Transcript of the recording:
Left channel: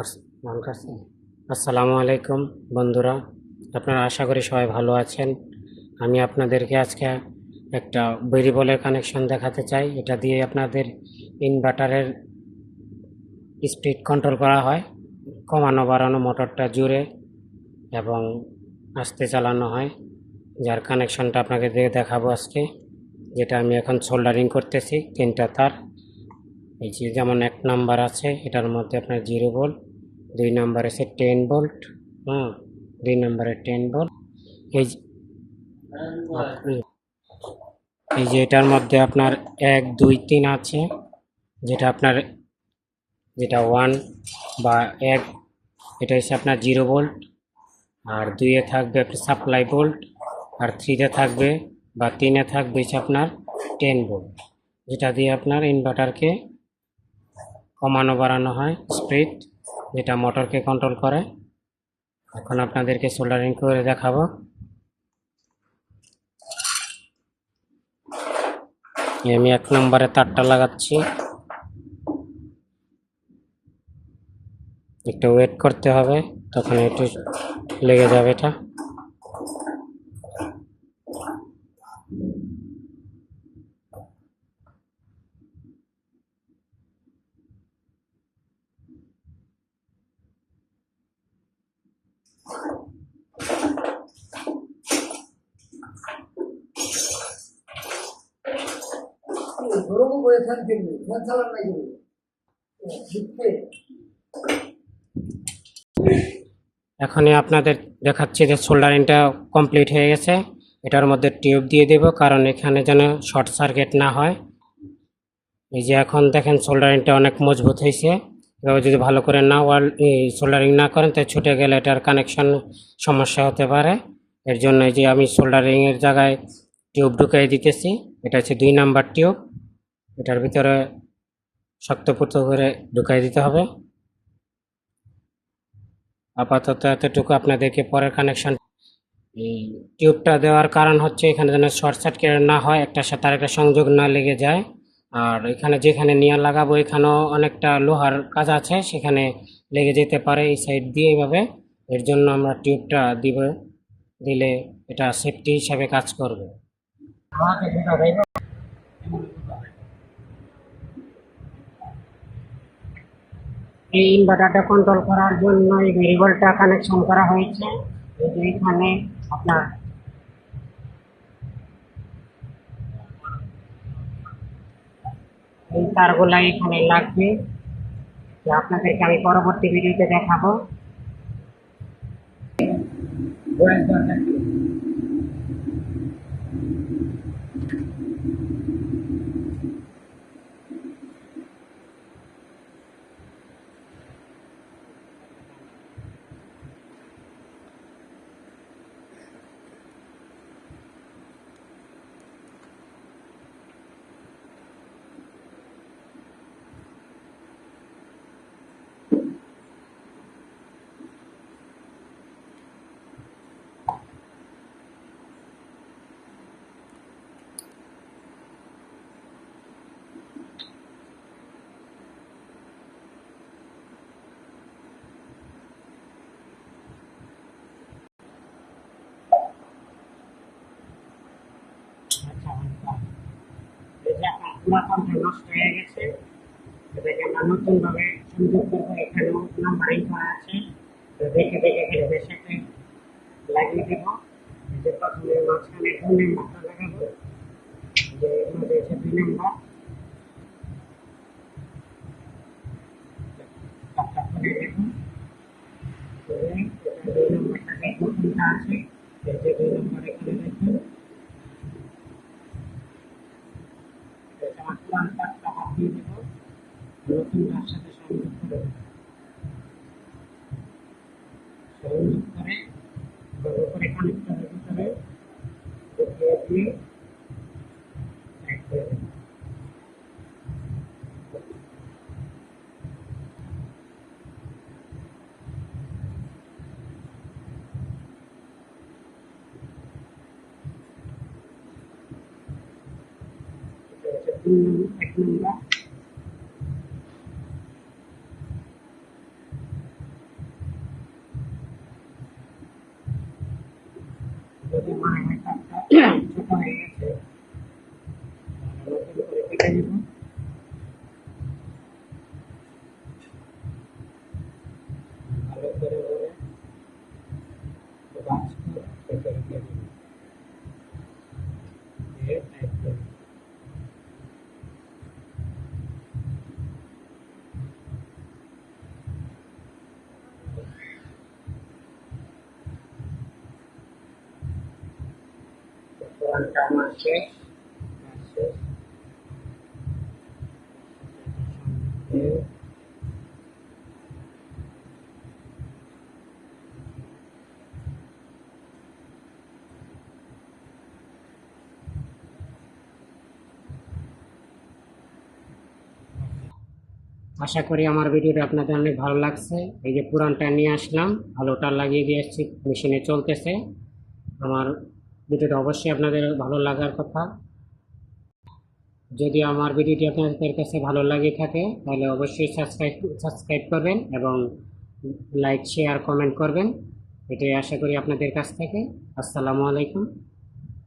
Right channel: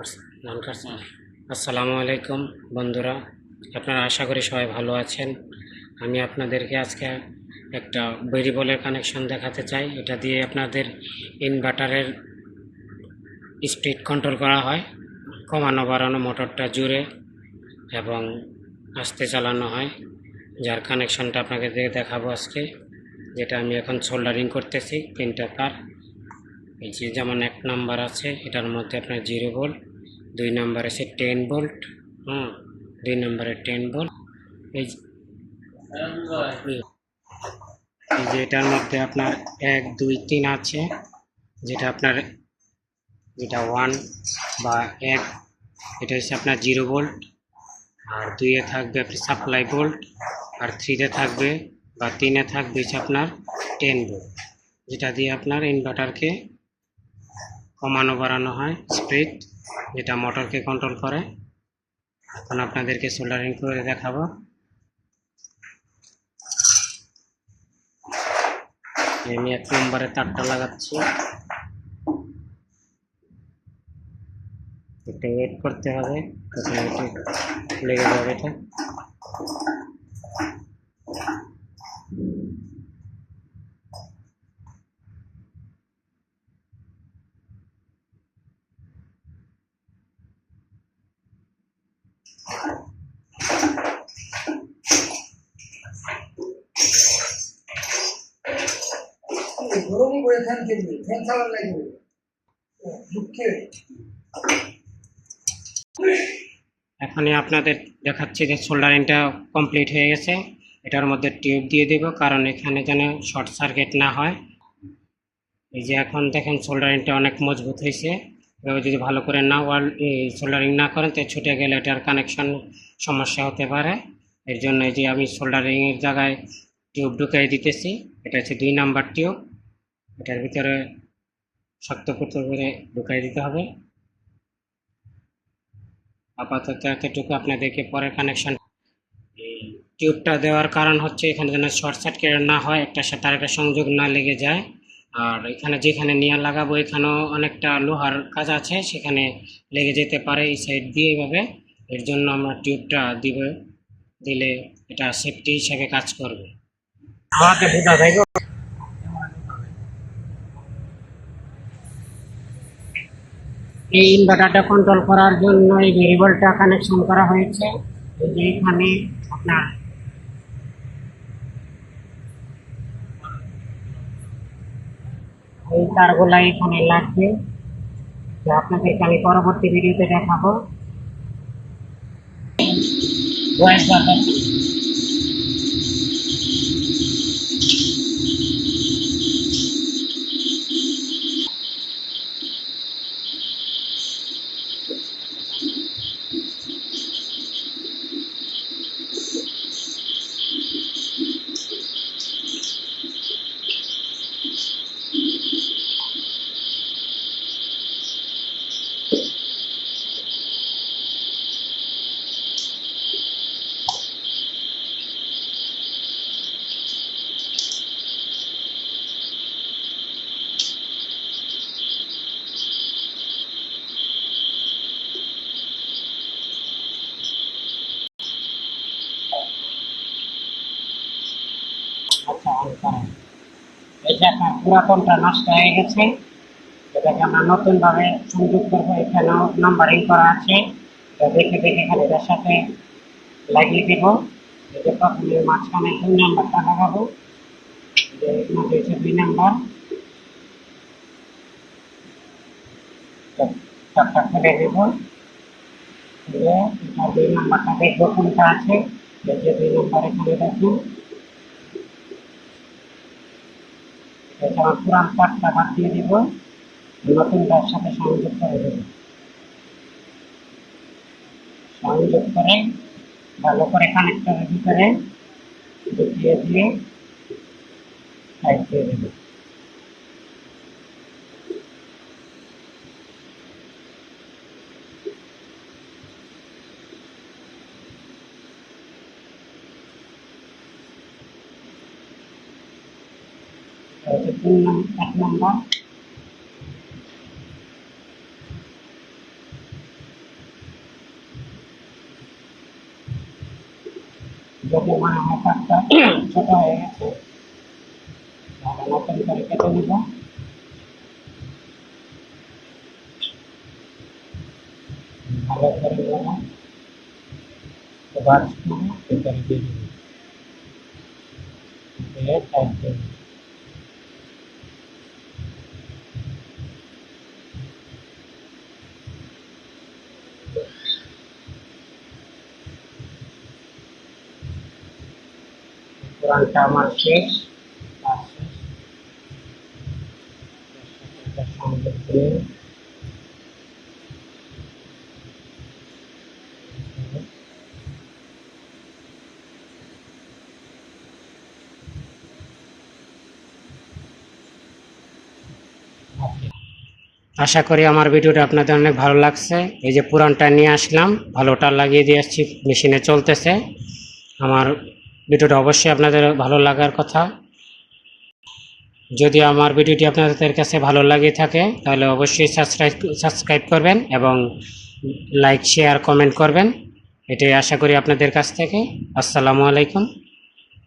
আসসালামু আলাইকুম বন্ধুরা, আপনারা আশা করি সবাই ভালো আছেন। আমি আপনাদেরকে আজকে একটা ভেরিয়েবলের কানেকশন দেখাতে চাই। এটা দিয়ে আপনাদের ইনভার্টারের স্পিড কন্ট্রোল করা হয়, কমানো বাড়ানো মোটরটা জুড়ে এবং আস্তে চালানো হয়। যার কানেকশনটা আপনাকে দেখাবো আজকে, যেটা আমি এখন সোল্ডারিং করতেছি। 3টা তার, এই যে যেমন 1 নাম্বার আছে, এটার মধ্যে আপনার 0 ভোল্ট, 2 নাম্বার আছে 10 ভোল্ট, 2 নাম্বারে 10 ভোল্ট। এই এই যে এটার মধ্যে আপনার 1 2 3 আছে, যেটা আপনার যেটা 1 বা 1, এটা হচ্ছে আপনার 0 ভোল্ট। আর 2-এ থাকবে আপনার সাপ্লাই ভোল্ট, আর 3-তে থাকবে বা 3-এ থাকবে হচ্ছে আপনার 10 ভোল্ট, যেটা দিয়ে আপনার ইনভার্টারকে কমানো বাড়ানো হয় স্পিড, যেটা মোটরকে কন্ট্রোল করে। এখন আপনাদেরকে সোল্ডারিং করে দেখাবো। আমি 1 নম্বরে তারটা লাগাচ্ছি, একটু ওয়েট করতে হবে, তখন একটু লেগে যাবে এটা। এখনই আপনাদের দেখাচ্ছি যে সোল্ডারিংটা কমপ্লিট হয়ে গেছে। এটার মধ্যে টিউব দিয়ে দেব, কারণ এখানে যেন শর্ট সার্কিট না হয়। এই যে এখন দেখেন সোল্ডারিংটা অনেক মজবুত হয়েছে। এভাবে যদি ভালো করে না সোল্ডারিং না করেন, তাই ছুটে গেলে এটার কানেকশন সমস্যা হতে পারে। এর জন্য এই যে আমি সোল্ডারিংয়ের জায়গায় টিউব ঢুকিয়ে দিতেছি। এটা হচ্ছে 2 নাম্বার টিউব, এটার ভিতরে শক্তপোক্ত করে ঢুকিয়ে দিতে হবে। আপাতত এতটুকু, আপনাদেরকে পরের কানেকশন। এই টিউবটা দেওয়ার কারণ হচ্ছে এখানে যেন শর্ট সার্কিট না হয়, একটার সাথে আরেকটা সংযোগ না লেগে যায়। আর এখানে যেখানে নিয়ে লাগাবো, এখানেও অনেকটা লোহার কাজ আছে, সেখানে লেগে যেতে পারে এই সাইড দিয়ে এইভাবে। এর জন্য আমরা টিউবটা দিলে এটা সেফটি হিসাবে কাজ করবে। আমাকে বুঝা ভাই। এই ইনভার্টারটা কন্ট্রোল করার জন্য এই ভেরিয়েবলটা কানেকশন করা হয়েছে। এই যে এখানে আপনার এই তারগুলা এখানে লাগবে, যা আপনাদেরকে আমি পরবর্তী ভিডিওতে দেখাবো। আচ্ছা, এটা আপনার পুরাতনটা নষ্ট হয়ে গেছে, এটাকে আমরা নতুনভাবে সংযোগ করবো। এখানেও নাম্বারিং করা আছে, তো দেখে দেখে এখানে এটার সাথে লাগিয়ে দেব। এই যে প্রথমে মাঝখানে 2 নাম্বারটা লাগাবো, যে মধ্যে হচ্ছে 2 নাম্বার। তারটা ফেলে দেব, ফেলে এটা 2 নাম্বারটা দেখবো কোনটা আছে। এই যে 2 নাম্বার এখানে দেখুন, এটা আমার পুরান তারটা বাদ দিয়ে দেব, নতুনটার সাথে সংযোগ করে দেব। সংযোগ করে ভালো করে কানেক্টরের ভিতরে ঢুকিয়ে দিয়ে সাইড দিয়ে দেব। এটা হচ্ছে 1 নম্বর। যদি মনে হয় তারটা ছোট হয়ে গেছে তাহলে নতুন করে কেটে নিব। ভালো করে নেব, এবার ভিতরে দিয়ে দিব, দিয়ে টাইট দিয়ে দিব। পুরানটা আমার শেষ, কাজ শেষ। এটা সংযোগ দিয়ে আশা করি আমার ভিডিওটা আপনাদের অনেক ভালো লাগছে। এই যে পুরানটা নিয়ে আসলাম, ভালোটা লাগিয়ে দিয়ে আসছি, মেশিনে চলতেছে। আমার ভিডিওটা অবশ্যই আপনাদের ভালো লাগার কথা। যদি আমার ভিডিওটি আপনাদের কাছে ভালো লাগে থাকে তাহলে অবশ্যই সাবস্ক্রাইব করবেন এবং লাইক শেয়ার কমেন্ট করবেন, এটাই আশা করি আপনাদের কাছ থেকে। আসসালামু আলাইকুম।